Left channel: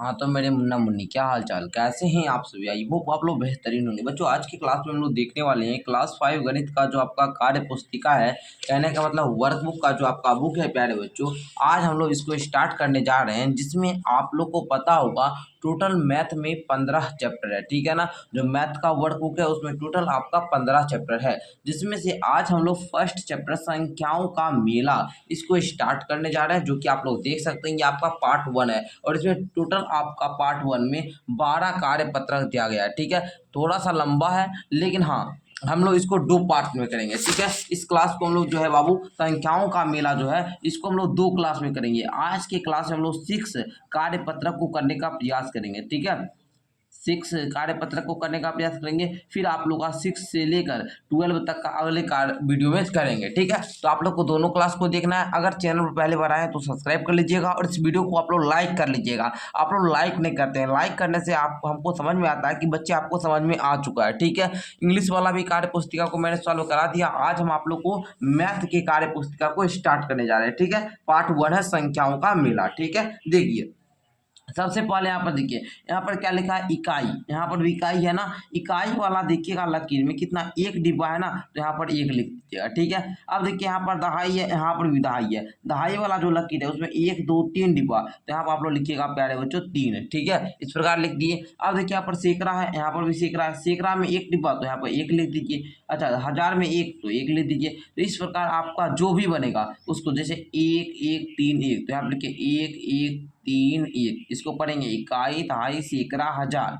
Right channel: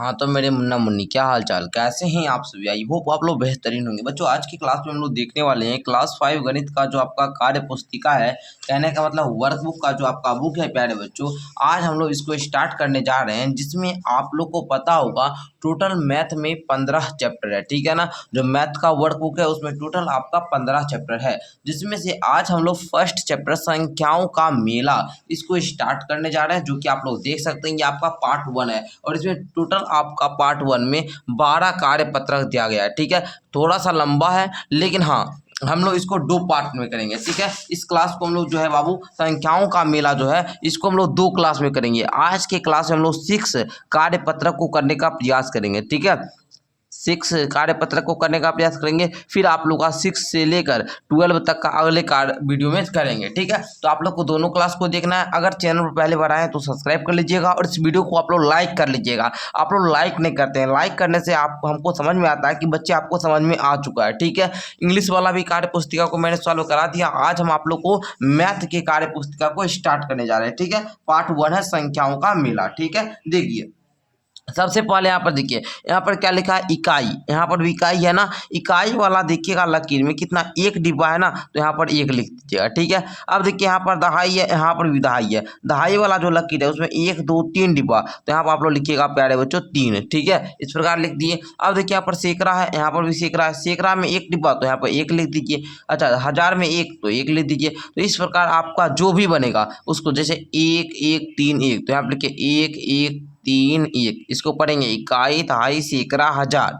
हाँ तो मेरे मुन्ना मुन्नी, क्या हाल चाल, कैसे हैं आप सभी। आई होप आप लोग बेहतरीन होंगे। बच्चों आज की क्लास में हम लोग देखने वाले हैं क्लास 5 गणित का जो आपका कार्य पुस्तिका है, कहने का मतलब वर्कबुक का जो आपका बुक है प्यारे बच्चों। आज हम लोग इसको स्टार्ट करने जा रहे हैं, जिसमें आप लोग को पता होगा टोटल मैथ में 15 चैप्टर है, ठीक है ना। जो मैथ का वर्कबुक है उसमें टोटल आपका 15 चैप्टर है, जिसमें से आज हम लोग फर्स्ट चैप्टर संख्याओं का मेला इसको स्टार्ट करने जा रहे हैं, जो कि आप लोग देख सकते हैं ये आपका पार्ट 1 है। और इसमें टोटल आपका पार्ट 1 में 12 कार्य पत्रक दिया गया है, ठीक है। थोड़ा सा लंबा है, लेकिन हाँ हम लोग इसको 2 पार्ट में करेंगे, ठीक है। इस क्लास को हम लोग जो है बाबू संख्याओं का मेला जो है इसको हम लोग 2 क्लास में करेंगे। आज के क्लास में हम लोग 6 कार्य पत्रक को करने का प्रयास करेंगे, ठीक है। 6 कार्य पत्रक को करने का प्रयास करेंगे, फिर आप लोग का 6 से लेकर 12 तक का अगले कार्य वीडियो में करेंगे, ठीक है। तो आप लोग को दोनों क्लास को देखना है। अगर चैनल पर पहले बार आए हैं तो सब्सक्राइब कर लीजिएगा और इस वीडियो को आप लोग लाइक कर लीजिएगा। आप लोग लाइक नहीं करते हैं, लाइक करने से आप हमको समझ में आता है कि बच्चे आपको समझ में आ चुका है, ठीक है। इंग्लिश वाला भी कार्य पुस्तिका को मैंने सॉल्व करा दिया। आज हम आप लोग को मैथ की कार्य पुस्तिका को स्टार्ट करने जा रहे हैं, ठीक है। पार्ट 1 है संख्याओं का मेला, ठीक है। देखिए सबसे पहले यहाँ पर देखिए, यहाँ पर क्या लिखा है इकाई, यहाँ पर भी इकाई है ना। इकाई वाला देखिएगा लकीर में कितना, एक डिब्बा है ना, तो यहाँ पर एक लिख दीजिएगा, ठीक है। अब देखिए यहाँ पर दहाई है, यहाँ पर भी दहाई है। दहाई वाला जो लकीर है उसमें 1 2 3 डिब्बा, तो यहाँ पर आप लोग लिखिएगा प्यारे बच्चों 3, ठीक है। इस प्रकार लिख दिए। अब देखिए यहाँ पर सैकड़ा है, यहाँ पर भी सैकड़ा है। सैकड़ा में 1 डिब्बा, तो यहाँ पर 1 लिख दीजिए। अच्छा 1000 में 1, तो 1 लिख दीजिए। तो इस प्रकार आपका जो भी बनेगा उसको, जैसे 1 1 3 1, तो यहाँ पर लिखिए 1 1 3 1, इसको पढ़ेंगे इकाई दहाई सैकड़ा हजार,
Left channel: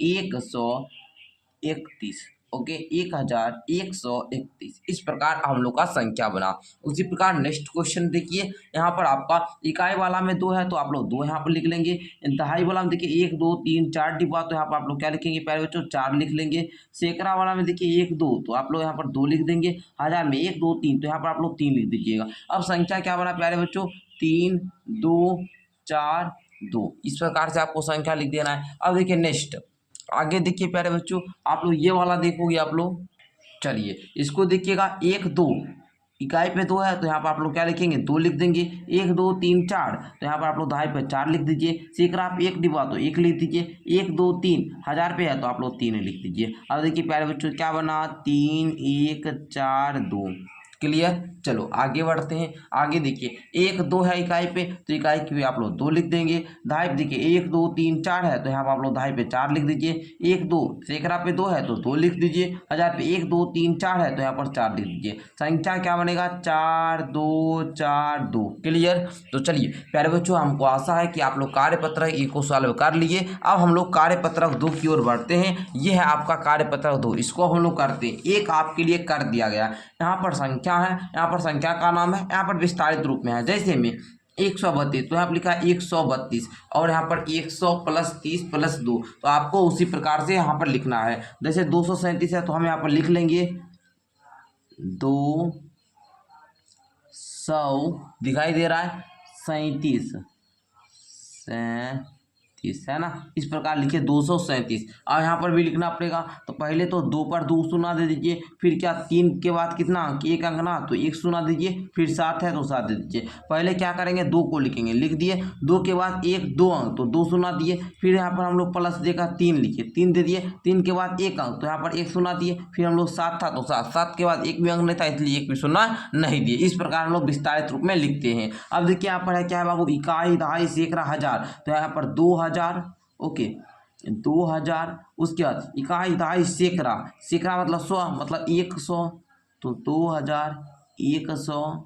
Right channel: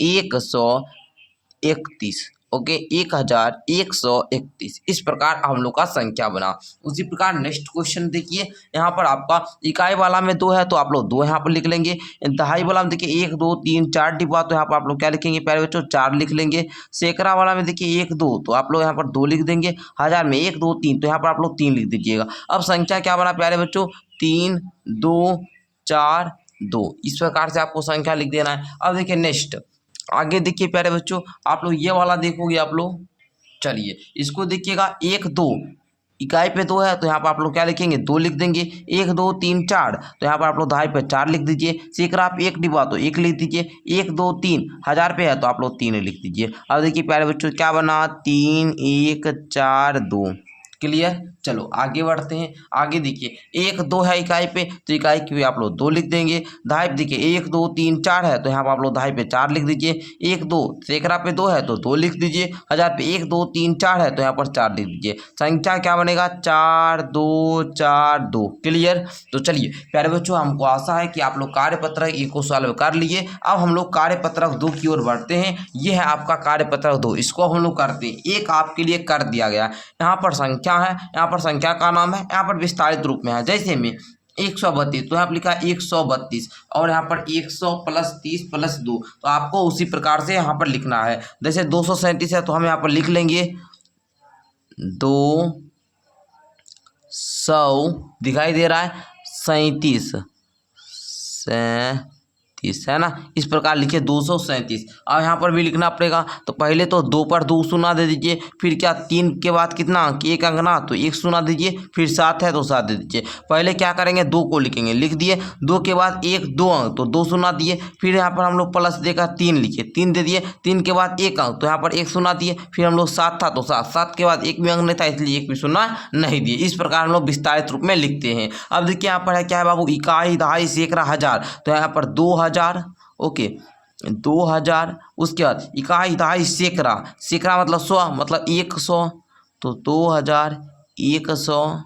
1131। ओके 1131। इस प्रकार हम लोग का संख्या बना। उसी प्रकार नेक्स्ट क्वेश्चन देखिए, यहाँ पर आपका इकाई वाला में 2 है तो आप लोग 2 यहाँ पर लिख लेंगे। दहाई वाला में देखिए 1 2 3 4 डिब्बा, तो यहाँ पर आप लोग क्या लिखेंगे प्यारे बच्चों 4 लिख लेंगे। सैकड़ा वाला में देखिए 1 2, तो आप लोग यहाँ पर 2 लिख देंगे। हजार में 1 2 3, तो यहाँ पर आप लोग 3 लिख दीजिएगा। अब संख्या क्या बना प्यारे बच्चों 3 2 4 2। इस प्रकार से आपको संख्या लिख देना है। अब देखिए नेक्स्ट आगे देखिए प्यारे बच्चों, आप लोग ये वाला देखोगे आप लोग। चलिए इसको देखिएगा 1 2, इकाई पे 2 है तो यहाँ पर आप लोग क्या लिखेंगे 2 लिख देंगे। 1 2 3 4, तो यहाँ पर आप लोग दहाई पे 4 लिख दीजिए। सैकड़ा आप 1 डिब्बा, तो 1 लिख दीजिए। 1 2 3, हजार पे है तो आप लोग 3 लिख दीजिए। अब देखिए प्यारे बच्चों क्या बना 3 1 4 2। क्लियर। चलो आगे बढ़ते हैं। आगे देखिए 1 2 है इकाई पे, तो इकाई की भी आप लोग 2 लिख देंगे। दहाई पे देखिए 1 2 3 4 है, तो यहाँ पर आप लोग दहाई पे 4 लिख दीजिए। 1 2, सैकड़ा पे 2 है तो 2 लिख दीजिए। हजार पे 1 2 3 4 है, तो यहाँ पर 4 लिख दीजिए। संख्या क्या बनेगा 4 2 4 2। क्लियर। तो चलिए प्यारे बच्चों, हमको आशा है कि आप लोग कार्यपत्रक एक को सॉल्व कर लिए। अब हम लोग कार्यपत्रक 2 की ओर बढ़ते हैं। ये है आपका कार्यपत्रक 2, इसको हम लोग करते हैं। एक आपके लिए कर दिया गया, यहाँ पर संख्या है, यहाँ पर संख्या का नाम है, यहाँ पर विस्तारित रूप में है। जैसे में 132, तो यहाँ पर लिखा है 132, और यहाँ पर 100 प्लस 30 प्लस 2, तो आपको उसी प्रकार से यहाँ पर लिखना है। जैसे 237 है तो हम यहाँ पर लिख लेंगे 200, दिखाई दे रहा है 37 है ना। इस प्रकार लिखिए 237। अब यहाँ पर भी लिखना पड़ेगा, तो पहले तो 2 पर 2 शून्य दे दीजिए। फिर क्या 3 के बाद कितना अंक, 1 अंक ना, तो 1 शून्य दीजिए। फिर 7 है तो 7 दे दीजिए। पहले क्या करेंगे 2 को लिखेंगे, लिख दिए। 2 के बाद 1 2 अंक, तो 2 शून्य दिए। फिर यहाँ पर हम लोग प्लस देकर 3 लिखिए, 3 दे दिए। 3 के बाद 1 अंक, तो यहाँ पर 1 शून्य दिए। फिर हम लोग 7 था तो 7, 7 के बाद 1 भी अंक नहीं था, इसलिए 1 भी शून्य नहीं दिए। इस प्रकार हम लोग विस्तारित रूप में लिखते हैं। अब देखिए यहाँ पर है क्या है बाबू, इकाई दहाई सैकड़ा हजार, तो यहाँ पर 2000। ओके 2000। उसके बाद इकाई दहाई सैकड़ा, सैकड़ा मतलब 100, मतलब 100, तो 2100।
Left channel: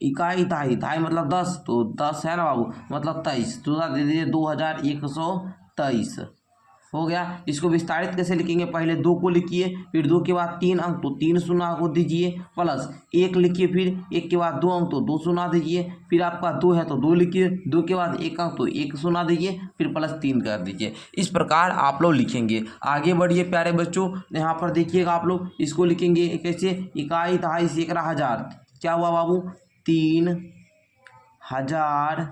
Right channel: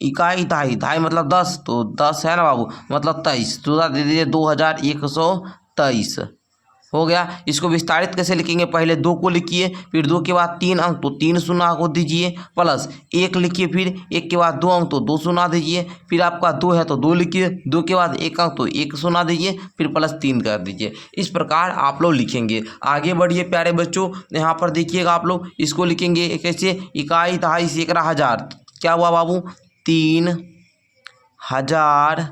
इकाई दहाई, दहाई मतलब 10, तो 10 है ना बाबू, मतलब 23, तो दे दीजिए 2123। हो गया। इसको विस्तारित कैसे लिखेंगे, पहले 2 को लिखिए, फिर 2 के बाद 3 अंक, तो 3 शून्य को दीजिए। प्लस 1 लिखिए, फिर 1 के बाद 2 अंक, तो 2 शून्य दीजिए। फिर आपका 2 है तो 2 लिखिए। 2 के बाद 1 अंक, तो 1 शून्य दीजिए। फिर प्लस 3 कर दीजिए। इस प्रकार आप लोग लिखेंगे। आगे बढ़िए प्यारे बच्चों, यहाँ पर देखिएगा आप लोग इसको लिखेंगे कैसे, इकाई दहाई सैकड़ा हजार, क्या हुआ बाबू 3000,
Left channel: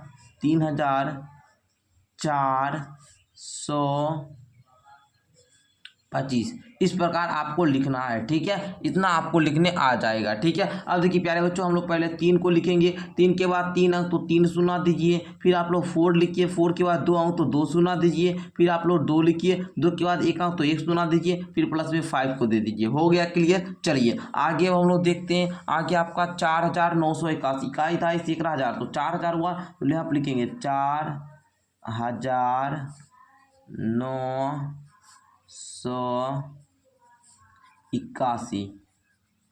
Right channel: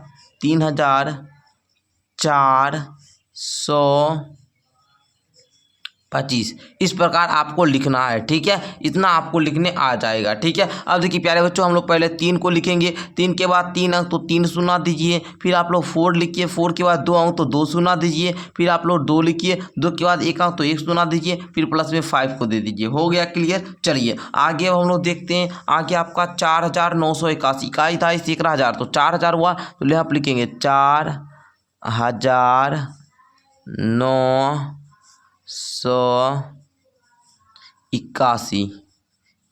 3400 25 इस प्रकार आपको लिखना है। ठीक है, इतना आपको लिखने आ जाएगा। ठीक है, अब देखिए प्यारे बच्चों, हम लोग पहले 3 को लिखेंगे। 3 के बाद 3 अंक तो 3 शून्य दीजिए। फिर आप लोग 4 लिखिए। 4 के बाद 2 अंक तो 2 शून्य दीजिए। फिर आप लोग 2 लिखिए। 2 के बाद 1 अंक तो 1 शून्य दीजिए। फिर प्लस में 5 को दे दीजिए। हो गया क्लियर। चलिए आगे अब हम लोग देखते हैं। आगे आपका 4981 इकाई था इस 1000 तो 4000 हुआ, तो ले आप लिखेंगे 4981।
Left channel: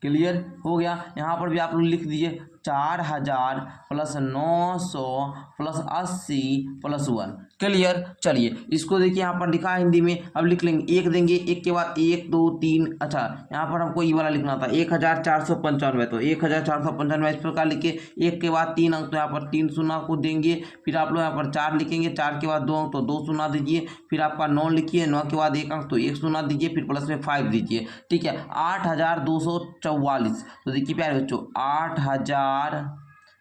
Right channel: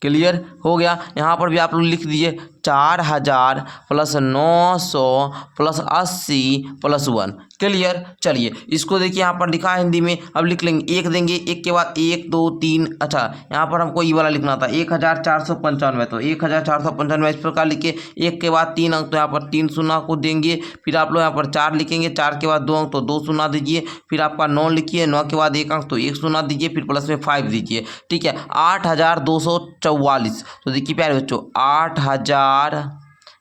क्लियर हो गया। यहाँ पर भी आप लोग लिख दीजिए 4000 प्लस 900 प्लस 80 प्लस 1। क्लियर। चलिए इसको देखिए यहाँ पर लिखा है हिंदी में। अब लिख लेंगे, एक देंगे, एक के बाद 1 2 3। अच्छा, यहाँ पर हमको ये वाला लिखना था 1495, तो 1495 इस प्रकार लिखिए। 1 के बाद 3 अंक तो यहाँ पर 3 शून्य को देंगे। फिर आप लोग यहाँ पर 4 लिखेंगे। 4 के बाद 2 अंक तो 2 शून्य दीजिए। फिर आपका 9 लिखिए। 9 के बाद 1 अंक तो 1 शून्य दीजिए। फिर प्लस में 5 दीजिए। ठीक है, 8244। तो देखिए प्यारे बच्चों, 8000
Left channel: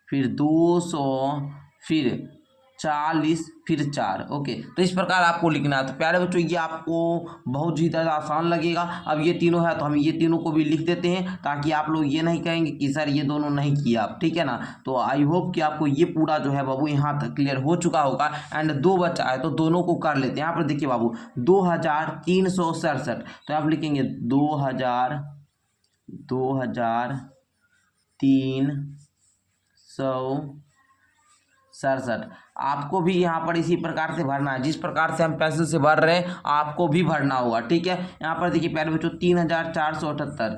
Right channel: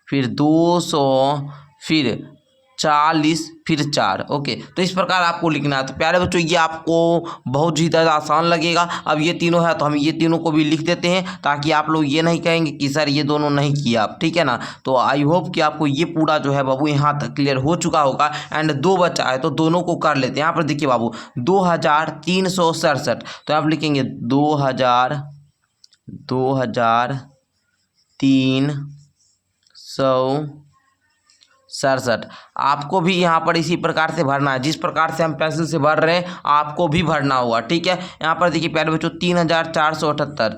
फिर 200 फिर 40 फिर 4। ओके, तो इस प्रकार आपको लिखना है। तो प्यारे बच्चों, ये आपको बहुत ही ज़्यादा आसान लगेगा। अब ये तीनों है तो हम ये तीनों को भी लिख देते हैं, ताकि आप लोग ये नहीं कहेंगे कि सर ये दोनों नहीं किया आप। ठीक है ना। तो आई होप कि आपको ये पूरा जो है बाबू यहाँ तक क्लियर हो चुका होगा। एंड 2 बचा है तो दोनों को कर लेते हैं। यहाँ पर देखिए बाबू 2367, तो आप लिखेंगे 2367। आपको भी यहाँ पर इसी प्रकार से भरना है, जिस प्रकार से हम पेंसिल से भर रहे हैं आपको भी भरना हुआ। ठीक है, यहाँ पर देखिए प्यारे बच्चों 3478,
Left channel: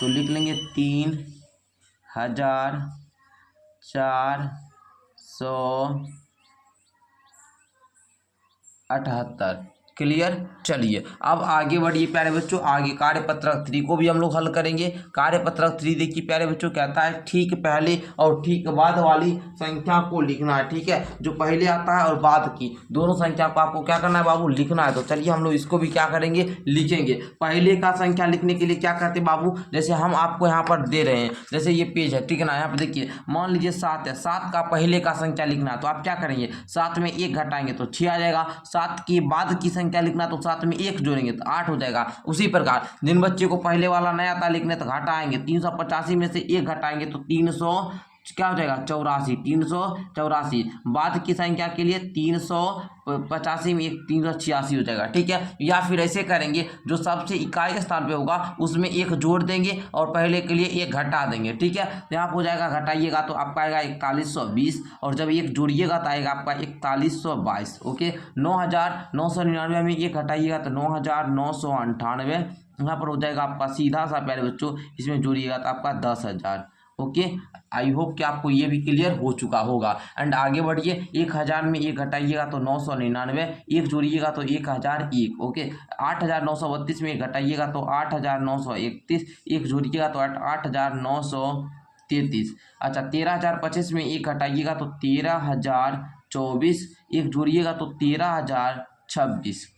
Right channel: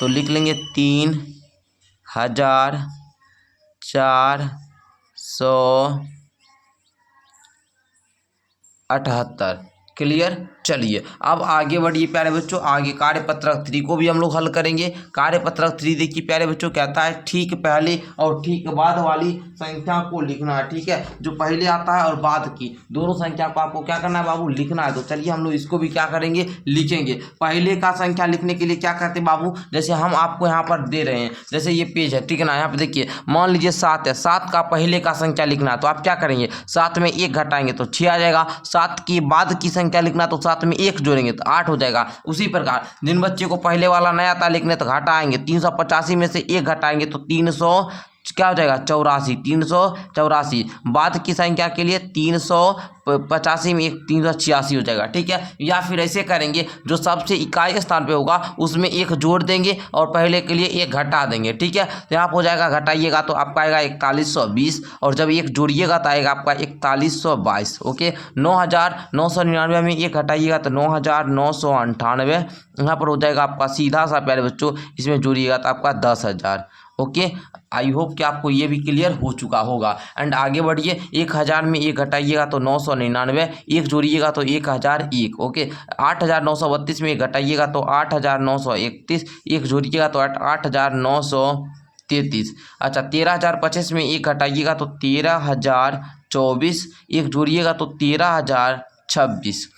तो लिख लेंगे 3478। क्लियर। चलिए अब आगे बढ़िए प्यारे बच्चों। आगे कार्यपत्रक 3 को भी हम लोग हल करेंगे। कार्यपत्रक 3 देखिए प्यारे बच्चों कहता है ठीक पहले और ठीक बाद वाली संख्या को लिखना है। ठीक है, जो पहले आता है और बाद की दोनों संख्या को आपको क्या करना है बाबू, लिखना है। तो चलिए हम लोग इसको भी क्या करेंगे, लिखेंगे। पहले का संख्या लिखने के लिए क्या करते हैं बाबू, जैसे हम आपको यहाँ पर दे रहे हैं, जैसे ये पेज है। ठीक है ना, यहाँ पर देखिए मान लीजिए 7 है। 7 का पहले का संख्या लिखना है, तो आप क्या करेंगे, 7 में 1 घटाएंगे तो 6 आ जाएगा। 7 के बाद की संख्या लिखना, तो 7 में 1 जोड़ेंगे तो 8 हो जाएगा। उसी प्रकार जिन बच्चे को पहले वाला नहीं आता लिखने, तो घटाएंगे। 385 में से 1 घटाएंगे तो 300 क्या हो जाएगा, 84। 384 बाद की संख्या के लिए 385 में 386 हो जाएगा। ठीक है, या फिर ऐसे करेंगे, जो सबसे इकाई स्थान पे होगा उसमें 1 जोड़ देंगे और पहले के लिए 1 घटा देंगे। ठीक है, तो यहाँ पर हो जाएगा, घटाइएगा तो आपका आएगा 4120, और जब 1 जोड़िएगा तो आएगा आपका 4122। ओके, 9999 में 1 घटाइएगा तो 9998। यहाँ पर हो जाएगा आपका सीधा सा प्यारे बच्चों, इसमें जोड़िएगा तो आपका 10,000। ओके, आई होप कि आपको ये भी क्लियर हो चुका होगा। एंड आगे बढ़िए, 1000 में 1 घटाइएगा तो 999, 1 जोड़िएगा तो 1001। ओके, 8932 में 1 घटाइएगा तो 8931, 1 जोड़िएगा तो 8933। अच्छा, 13025 में 1 घटाइएगा तो 13024, 1 जोड़िएगा तो 13026।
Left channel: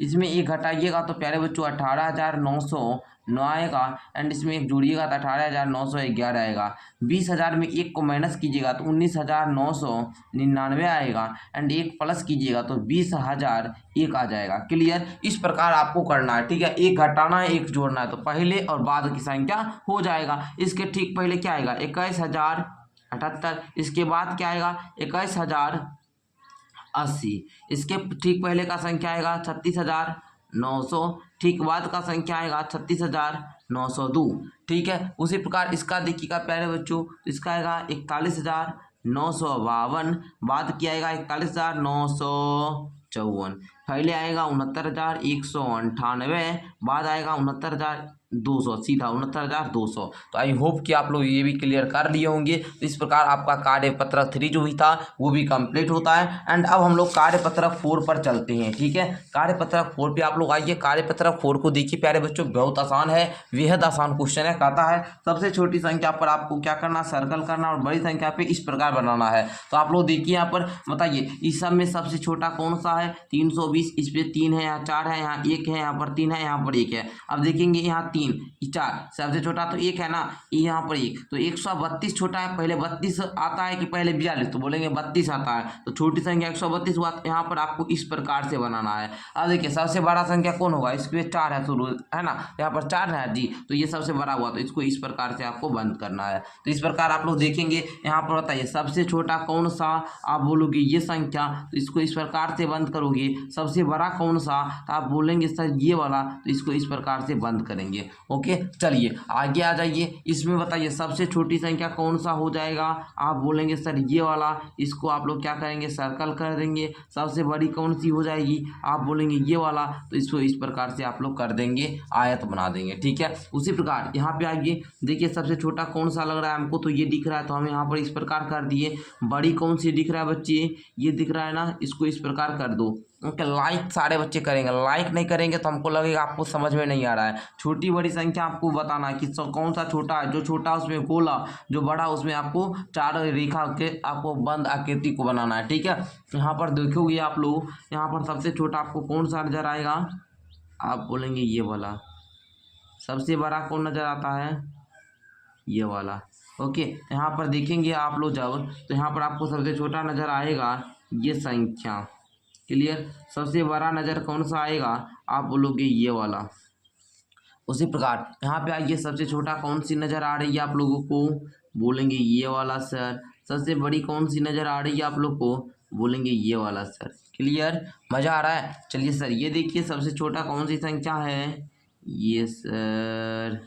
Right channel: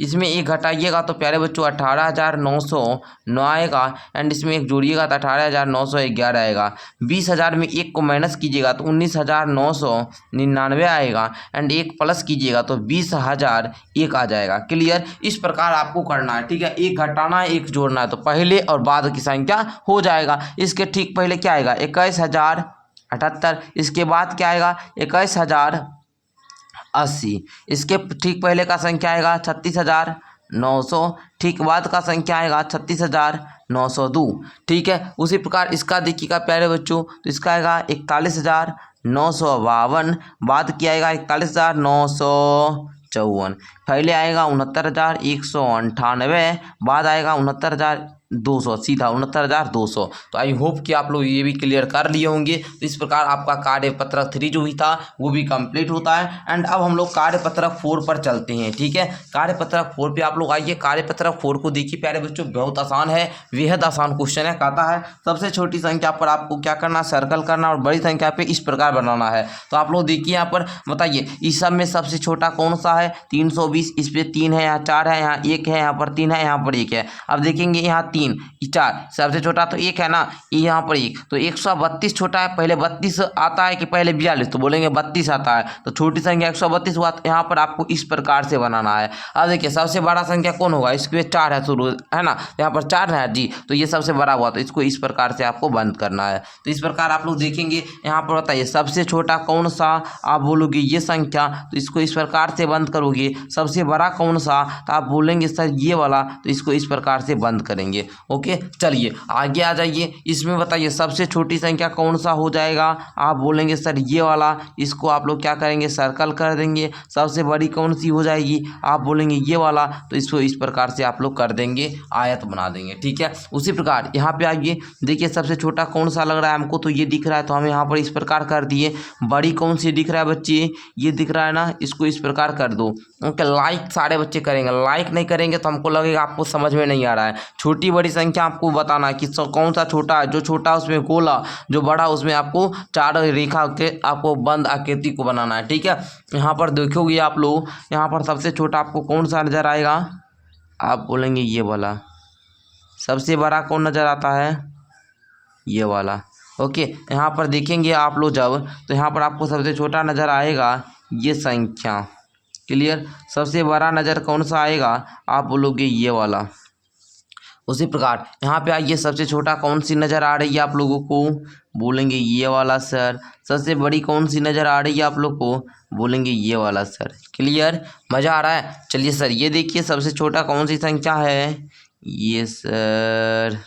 इसमें 1 घटाइएगा तो प्यारे बच्चों 18,909 आएगा। एंड इसमें 1 जोड़िएगा तो 18,911 आएगा। 20,000 में 1 को माइनस कीजिएगा तो 19,999 आएगा। एंड 1 प्लस कीजिएगा तो 20,001 आ जाएगा। क्लियर। इस प्रकार आपको करना है। ठीक है, 1 घटाना है, 1 जोड़ना है, तो पहले और बाद की संख्या हो जाएगा। इसके ठीक पहले क्या आएगा, 21,078। इसके बाद क्या आएगा, 21,080। इसके ठीक पहले का संख्या आएगा 36,900। ठीक बाद का संख्या आएगा 36,902। ठीक है, उसी प्रकार इसका देखिएगा प्यारे बच्चों, तो इसका आएगा 41,952। बाद की आएगा 41,954। पहले आएगा 69,198। बाद आएगा 69,200, सीधा 69,200। तो आई होप कि आप लोग ये भी क्लियर कर लिए होंगे। तो इस प्रकार आपका कार्यपत्रक 3 जो भी था वो भी कंप्लीट होता है। एंड अब हम लोग कार्यपत्रक 4 पर चलते हैं। ठीक है, कार्यपत्रक 4 पे आप लोग आइए। कार्यपत्रक 4 को देखिए प्यारे बच्चों, बहुत आसान है, बेहद आसान क्वेश्चन है। कहता है सबसे छोटी संख्या पर आपको क्या करना, सर्कल करना, और बड़ी संख्या पे इस प्रकार बनाना है। तो आप लोग देखिए यहाँ पर बताइए, इस सब में सबसे छोटा कौन सा है, 320 24, इस पे 3 है, यहाँ 4 है, यहाँ 1 है, यहाँ पर 3 है, यहाँ पर 1 है। अब देखेंगे यहाँ 3 4 सबसे छोटा तो 1 है ना, यहाँ पर 1 तो 132 छोटा है। पहले 32 आता है कि पहले 42, तो बोलेंगे 32 आता है, तो छोटी संख्या 132 हुआ। तो यहाँ पर आपको इस प्रकार से बनाना है। अब देखिए सबसे बड़ा संख्या कौन होगा, इसके 4 है शुरू है ना, यहाँ पर 4 है जी, तो ये सबसे बड़ा हुआ, तो इसको इस प्रकार से आपको बंद करना है। तो इस प्रकार आप लोग देखेंगे यहाँ पर बताइए सबसे छोटा कौन सा, आप बोलोगे ये संख्या, तो इसको इस प्रकार से बंद करोगे। सबसे बड़ा कौन सा, तो आप बोलेंगे सर ये वाला, तो इसको इस प्रकार से बंद करेंगे। ओके चलिए आगे आ जाइए। इसमें बताइए सबसे छोटी संख्या कौन सा हो जाएगा, आप बोलेंगे सर ये वाला, इसको आप लोग क्या करेंगे सर्कल कर देंगे। सबसे बड़ी कौन सी हो जाएगी, आप बोलेंगे ये वाला, तो इसको इस प्रकार से आप लोग कर देंगे, आयत बना देंगे। ठीक है, उसी प्रकार यहाँ पे आइए, देखिए सबसे छोटा कौन सा लग रहा है हमको, तो ये दिख रहा है, तो हम यहाँ पर इस प्रकार कर दिए। बड़ी कौन सी दिख रहा है बच्चे, ये दिख रहा है ना, इसको इस प्रकार कर दो। ओके लाइक सारे बच्चे करेंगे, लाइक नहीं करेंगे तो हमको लगेगा आपको समझ में नहीं आ रहा है। छोटी बड़ी संख्या आपको बताना है कि कौन सा छोटा है, जो छोटा उसमें गोला, जो बड़ा उसमें आपको 4 रेखा के आपको बंद आकृति को बनाना है। ठीक है, यहाँ पर देखोगे आप लोग, यहाँ पर सबसे छोटा आपको कौन सा नजर आएगा, आप बोलेंगे ये वाला। सबसे बड़ा कौन नजर आता है, ये वाला। ओके यहाँ पर देखेंगे आप लोग जब, तो यहाँ पर आपको सबसे छोटा नजर आएगा ये संख्या। क्लियर, सबसे बड़ा नज़र कौन सा आएगा, आप बोलोगे ये वाला। उसी प्रकार यहाँ पे आइए, सबसे छोटा कौन सी नज़र आ रही है आप लोगों को, बोलेंगे ये वाला सर। सबसे बड़ी कौन सी नज़र आ रही है आप लोग को, बोलेंगे ये वाला सर। क्लियर, मज़ा आ रहा है। चलिए सर ये देखिए सबसे छोटा कौन सी संख्या है, ये सर।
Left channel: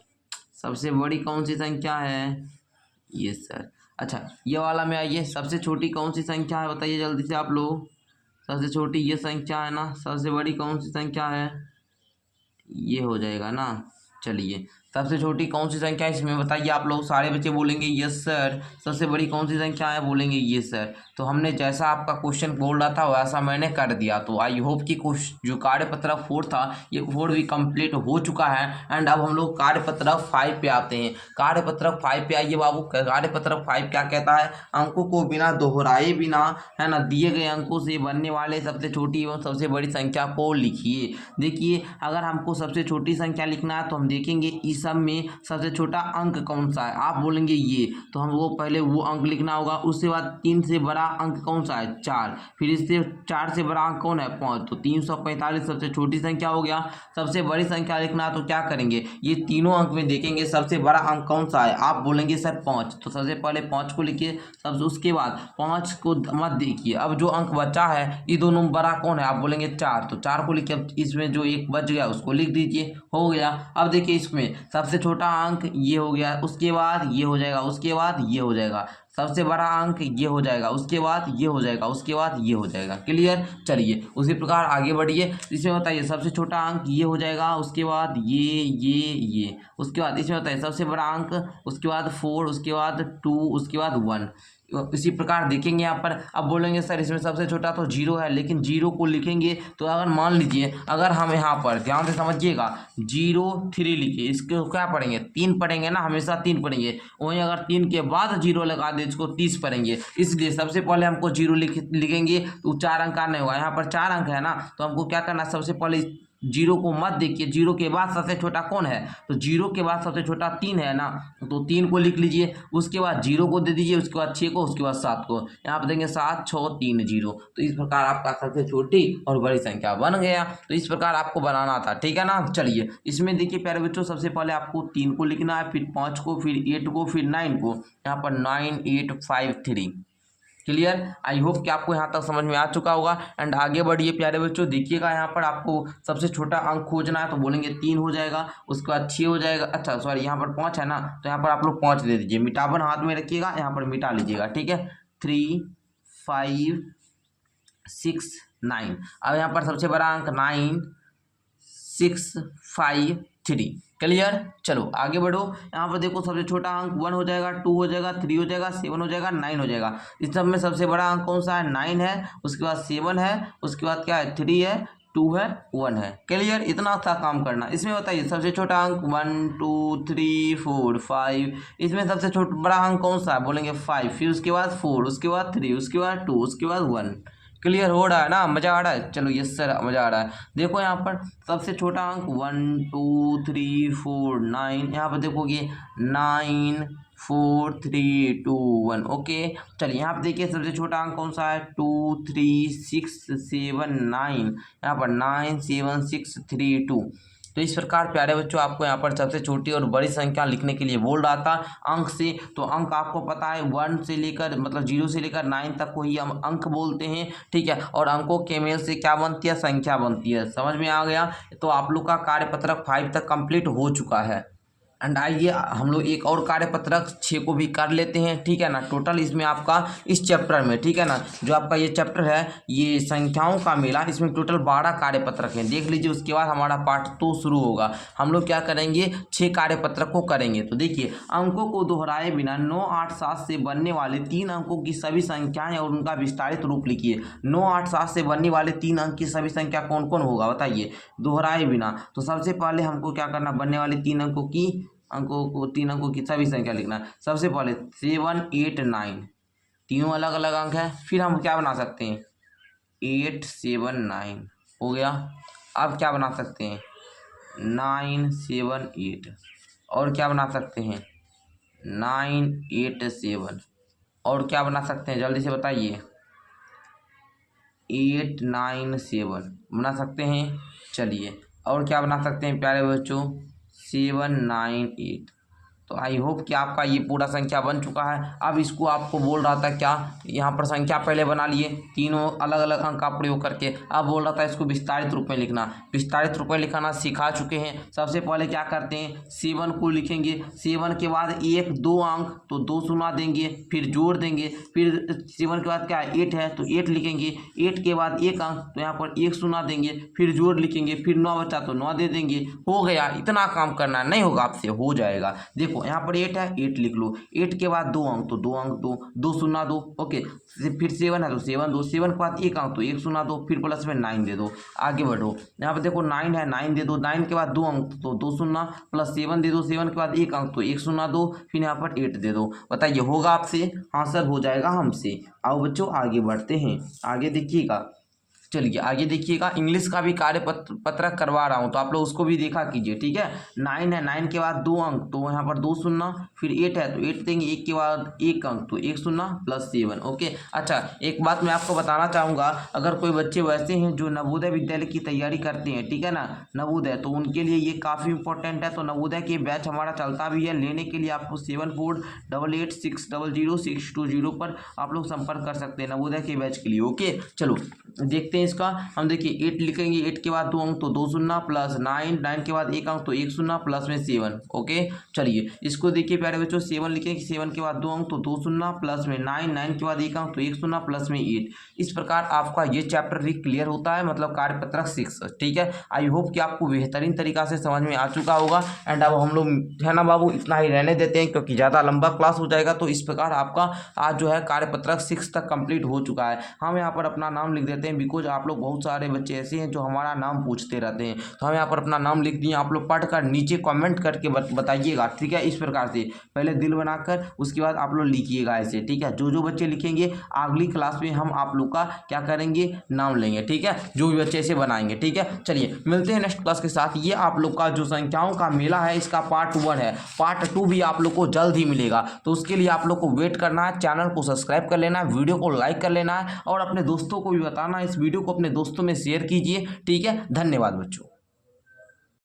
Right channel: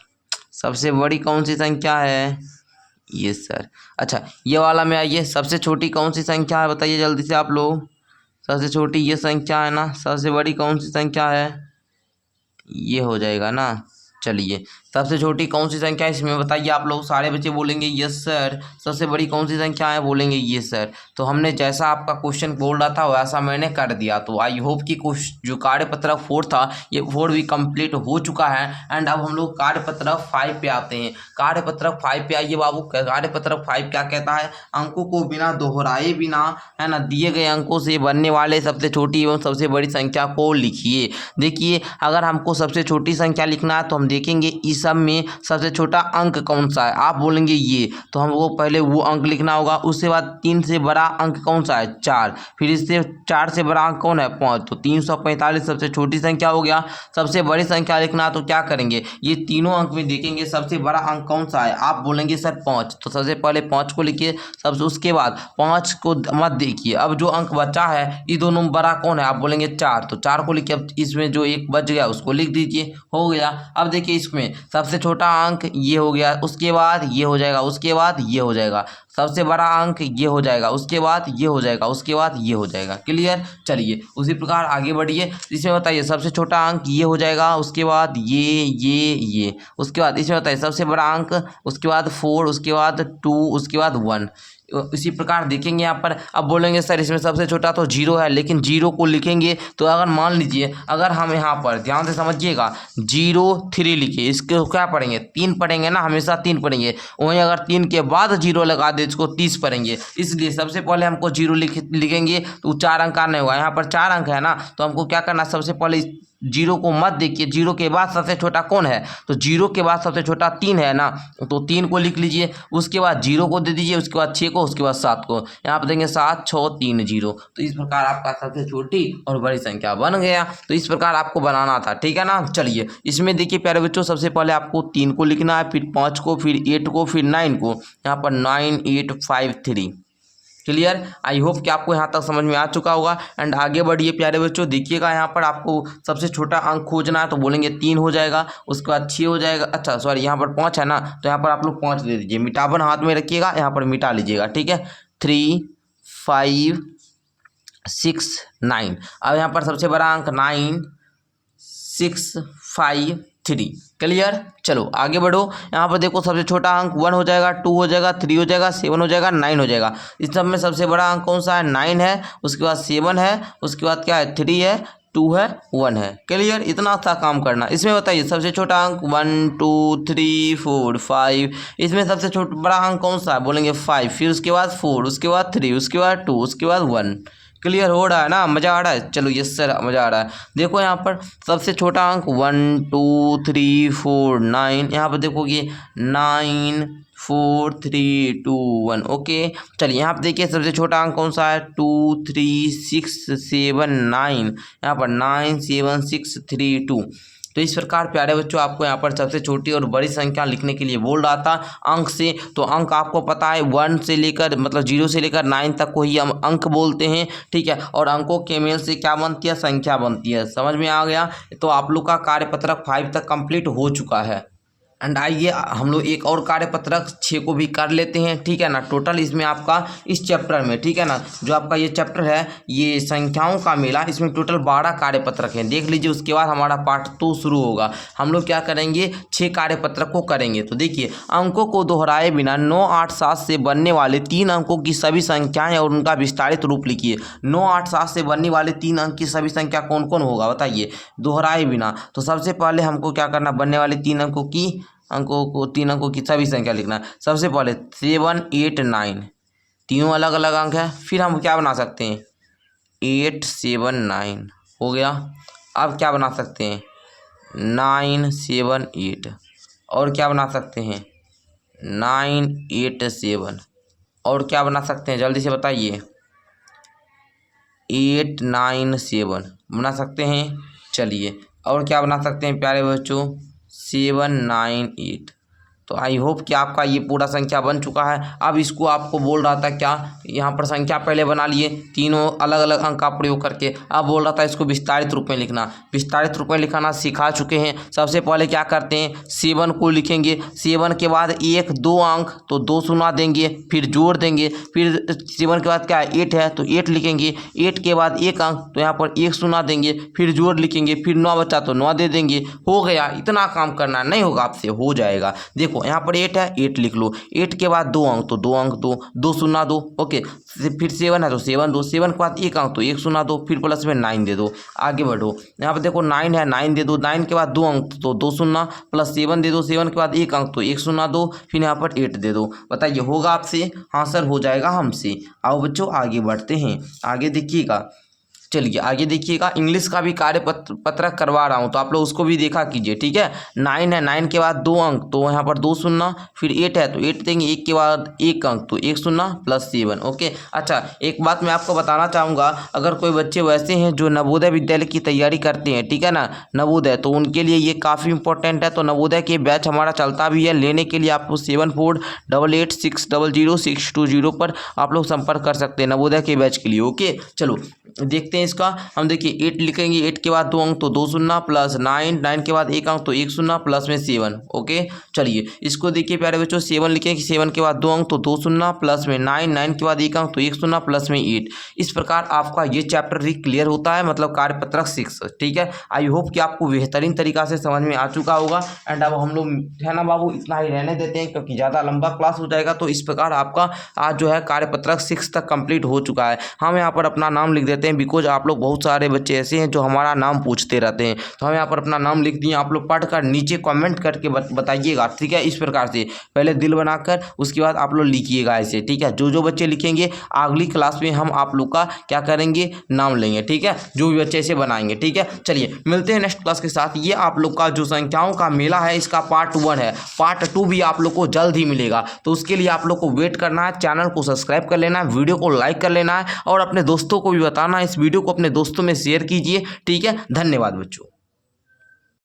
सबसे बड़ी कौन सी संख्या है, ये सर। अच्छा ये वाला में आइए, सबसे छोटी कौन सी संख्या है बताइए जल्दी से आप लोग। सबसे छोटी ये संख्या है ना, सबसे बड़ी कौन सी संख्या है, ये हो जाएगा ना। चलिए सबसे छोटी कौन सी संख्या है इसमें बताइए आप लोग, सारे बच्चे बोलेंगे यस सर। सबसे बड़ी कौन सी संख्या है, बोलेंगे ये सर। तो हमने जैसा आपका क्वेश्चन बोल रहा था वैसा मैंने कर दिया। तो आई होप कि जो कार्यपत्र 4 था ये 4 भी कंप्लीट हो चुका है। एंड अब हम लोग कार्यपत्र 5 पे आते हैं। कार्यपत्र 5 पे आइए बाबू। कार्यपत्र 5 क्या कहता है, अंकों को बिना दोहराए बिना है ना दिए गए अंकों से बनने वाले सबसे छोटी एवं सबसे बड़ी संख्या को लिखिए। देखिए अगर हमको सबसे छोटी संख्या लिखना है तो हम देखेंगे इस सब में सबसे छोटा अंक कौन सा है, आप बोलेंगे ये, तो हमको पहले वो अंक लिखना होगा। उसके बाद 3 से बड़ा अंक कौन सा है, 4। फिर इससे 4 से बड़ा अंक कौन है, 5। तो 345 सबसे छोटी संख्या हो गया। सबसे बड़ी संख्या लिखना तो क्या करेंगे, ये तीनों अंक में देखेंगे सबसे बड़ा अंक कौन सा है, आप बोलेंगे सर 5। तो सबसे पहले 5 को लिखिए, सबसे उसके बाद 5 को मत देखिए। अब जो अंक बचा है ये दोनों में बड़ा कौन है, आप बोलेंगे 4। तो 4 को लिखिए। अब इसमें जो एक बच गया उसको लिख दीजिए, हो गया। अब देखिए इसमें सबसे छोटा अंक ये हो गया, उसके बाद ये हो जाएगा, उसके बाद ये हो जाएगा। सबसे बड़ा अंक ये हो जाएगा, उसके बाद ये हो जाएगा, उसके बाद ये हो जाएगा। क्लियर, चलिए उसी प्रकार आगे बढ़िए। इसमें बताइए सबसे छोटा अंक ये हो जाएगा, उसके बाद ये, उसके बाद इसमें बताइए सबसे बड़ा अंक, उसके बाद 4, उसके बाद 2, उसके बाद 1। इसी प्रकार देखेंगे यहाँ पर। अब बोलेंगे सर इसमें सबसे छोटा तो 0 है, लेकिन 0 को लिखेंगे तो अगर मान लीजिए अगर हम यहाँ पर ध्यान से समझिएगा 0 3 लिखे, इसको क्या पढ़ेंगे, 3 पढ़ेंगे ना, हमेशा 3 पढ़ेंगे। वहीं अगर 3 के बाद 0 लगा दे इसको 30 पढ़ेंगे। इसलिए सबसे पहले हमको 0 लिखेंगे तो 4 अंक का नहीं हुआ, यहाँ पर 4 अंक है ना, तो हमको क्या करना, सबसे पहले 0 को मत देखिए। 0 के बाद सबसे छोटा कौन है, तो 0 के बाद सबसे छोटा 3 है ना, तो 3 को लिख लीजिए। उसके बाद 0 को दे दीजिए, उसके बाद 6 को, उसके बाद 7 को। यहाँ पर देंगे 7 6 3 0। तो इस प्रकार आपका सबसे छोटी और बड़ी संख्या बन गया। तो इस प्रकार आपको बनाना था, ठीक है ना। चलिए इसमें देखिए प्यारे बच्चों, सबसे पहले आपको 3 को लिखना है, फिर 5 को, फिर 8 को, फिर 9 को। यहाँ पर 9 8 5 3। क्लियर, आई होप कि आपको यहाँ तक समझ में आ चुका होगा। एंड आगे बढ़िए प्यारे बच्चों, देखिएगा यहाँ पर आपको सबसे छोटा अंक खोजना है, तो बोलेंगे 3 हो जाएगा, उसके बाद 6 हो जाएगा। अच्छा सॉरी, यहाँ पर 5 है ना, तो यहाँ पर आप लोग 5 दे दीजिए। मिटावन हाथ में रखिएगा, यहाँ पर मिटा लीजिएगा, ठीक है। 3 5 6 9। अब यहाँ पर सबसे बड़ा अंक 9 6 5 3। क्लियर, चलो आगे बढ़ो। यहाँ पर देखो सबसे छोटा अंक 1 हो जाएगा, 2 हो जाएगा, 3 हो जाएगा, 7 हो जाएगा, 9 हो जाएगा। इस सब में सबसे बड़ा अंक कौन सा है, 9 है, उसके बाद 7 है, उसके बाद क्या है, 3 है, 2 है, 1 है। क्लियर, इतना सा काम करना। इसमें बताइए सबसे छोटा अंक 1 2 3 4 5। इसमें सबसे छोटा बड़ा अंक कौन सा है, बोलेंगे 5। फिर उसके बाद 4, उसके बाद 3, उसके बाद 2, उसके बाद 1। क्लियर हो रहा है ना, मज़ा आ रहा है। चलो यस सर मज़ा आ रहा है। देखो यहाँ पर सबसे छोटा अंक 1 2 3 4 9, यहाँ पर देखोगे 9 4 3 2 1। ओके चलिए यहाँ पर देखिए सबसे छोटा अंक कौन सा है 2 3 6 7 9, यहाँ पर 9 7 6 3 2। तो इस प्रकार प्यारे बच्चों आपको यहाँ पर सबसे छोटी और बड़ी संख्या लिखने के लिए बोल रहा था अंक से। तो अंक आपको पता है 1 से लेकर मतलब 0 से लेकर 9 तक को ही हम अंक बोलते हैं, ठीक है। और अंकों के मेल से क्या बनती है, संख्या बनती है। समझ में आ गया। तो आप लोग का कार्यपत्रक 5 तक कंप्लीट हो चुका है। एंड आइए हम लोग एक और कार्यपत्रक 6 को भी कर लेते हैं, ठीक है ना। टोटल इसमें आपका इस चैप्टर में, ठीक है ना, जो आपका ये चैप्टर है ये संख्याओं का मेला, इसमें टोटल 12 कार्यपत्रक हैं। देख लीजिए उसके बाद हमारा पार्ट 2 शुरू होगा। हम लोग क्या करेंगे 6 कार्यपत्रक को करेंगे। तो देखिए अंकों को दोहराए बिना 9 8 7 से बनने वाले 3 अंकों की सभी संख्याएं और उनका विस्तारित रूप लिखिए। 9 8 7 से बनने वाले 3 अंक की सभी संख्या कौन कौन होगा बताइए, दोहराए बिना। तो सबसे पहले हमको क्या करना, बनने वाले 3 अंकों की 3 अंकों की सभी संख्या लिखना है। सबसे पहले 7 8 9, तीनों अलग अलग अंक है। फिर हम क्या बना सकते हैं 8 7 9 हो गया। अब क्या बना सकते हैं 9 7 8, और क्या बना सकते हैं 9 8 7, और क्या बना सकते हैं जल्दी से बताइए 8 9 7 बना सकते हैं। चलिए और क्या बना सकते हैं प्यारे बच्चों 7 9 8। तो आई होप कि आपका ये पूरा संख्या बन चुका है। अब इसको आपको बोल रहा था क्या, यहाँ पर संख्या पहले बना लिए तीनों अलग अलग अंक का प्रयोग करके। अब बोल रहा था इसको विस्तारित रूप में लिखना। विस्तारित रूप में लिखाना सिखा चुके हैं। सबसे पहले क्या करते हैं 7 को लिखेंगे, 7 के बाद 1 2 अंक तो 2 शून्य देंगे, फिर जोड़ देंगे। फिर 7 के बाद क्या है 8 है तो 8 लिखेंगे, 8 के बाद 1 अंक तो यहाँ पर 1 शून्य देंगे, फिर जोड़ लिखेंगे, फिर 9 बचा तो 9 दे देंगे। हो गया, इतना काम करना नहीं होगा आपसे, हो जाएगा। देखो यहाँ पर 8 है 8 लिख लो, 8 के बाद 2 अंक तो 2 अंक 2 शून्य 2। ओके फिर 7 है तो 7 2, 7 के बाद 1 अंक तो 1 शून्य 2, फिर प्लस में 9 दे दो। आगे बढ़ो, यहाँ पर देखो 9 है 9 दे दो, 9 के बाद 2 अंक तो 2 शून्य, प्लस 7 दे दो, 7 के बाद 1 अंक तो 1 शून्य 2, फिर यहाँ पर 8 दे दो। बताइए होगा आपसे, हाँ सर हो जाएगा हमसे। आओ बच्चों आगे बढ़ते हैं, आगे देखिएगा। चलिए आगे देखिएगा, इंग्लिश का भी पत्रक करवा रहा हूँ तो आप लोग उसको भी देखा कीजिए, ठीक है। 9 है 9 के बाद 2 अंक तो यहाँ पर 2 शून्य, फिर 8 है तो 8 देंगे, 1 के बाद 1 अंक तो 1 शून्य प्लस 7। ओके अच्छा एक बात मैं आपको बताना चाहूँगा, अगर कोई बच्चे वैसे हैं जो नवोदय विद्यालय की तैयारी करते हैं, ठीक है ना, नवोदय, तो उनके लिए ये काफ़ी इंपॉर्टेंट है। तो नवोदय के बैच हमारा चलता भी है, लेने के लिए आपको 7488600620 पर आप लोग संपर्क कर सकते हैं नवोदय के बैच के लिए। ओके चलो देखते हैं इसका। हम देखिए 8 लिखेंगे, 8 के बाद 2 अंक तो 2 शून्य, प्लस 9 9 के बाद 1 अंक तो 1 शून्य, प्लस में 7। ओके चलिए इसको देखिए प्यारे बच्चों 7 लिखेंगे, 7 के बाद 2 अंक तो 2 शून्य, प्लस में 9 9 के बाद 1 अंक तो 1 शून्य, प्लस में 8। इस प्रकार आपका ये चैप्टर भी क्लियर होता है, मतलब कार्यपत्रक 6, ठीक है। आई होप कि आपको बेहतरीन तरीका से समझ में आ चुका होगा। एंड अब हम लोग है ना बाबू इतना ही रहने देते हैं क्योंकि ज़्यादा लंबा क्लास हो जाएगा। तो इस प्रकार आपका आज जो है कार्यपत्रक 6 तक कंप्लीट हो चुका है। हम यहाँ पर अपना नाम लिख देते हैं, बिकॉज आप लोग बहुत सारे बच्चे ऐसे हैं जो हमारा नाम पूछते रहते हैं। तो हम यहाँ पर अपना नाम लिख दिए, आप लोग पढ़कर नीचे कमेंट करके बताइएगा, ठीक है। इस प्रकार से पहले दिल बनाकर उसके बाद आप लोग लिखिएगा ऐसे, ठीक है। जो बच्चे लिखेंगे अगली क्लास में हम आप लोग का क्या करेंगे नाम लेंगे, ठीक है। जो भी बच्चे ऐसे बनाएंगे, ठीक है। चलिए मिलते हैं नेक्स्ट क्लास के साथ। ये आप लोग का जो संख्याओं का मेला है इसका पार्ट 1 है, पार्ट 2 भी आप लोग को जल्द ही मिलेगा। तो उसके लिए आप लोग को वेट करना है, चैनल को सब्सक्राइब कर लेना है, वीडियो को लाइक कर लेना है और अपने दोस्तों को भी बताना है। इस वीडियो को अपने दोस्तों में शेयर कीजिए, ठीक है। धन्यवाद बच्चों।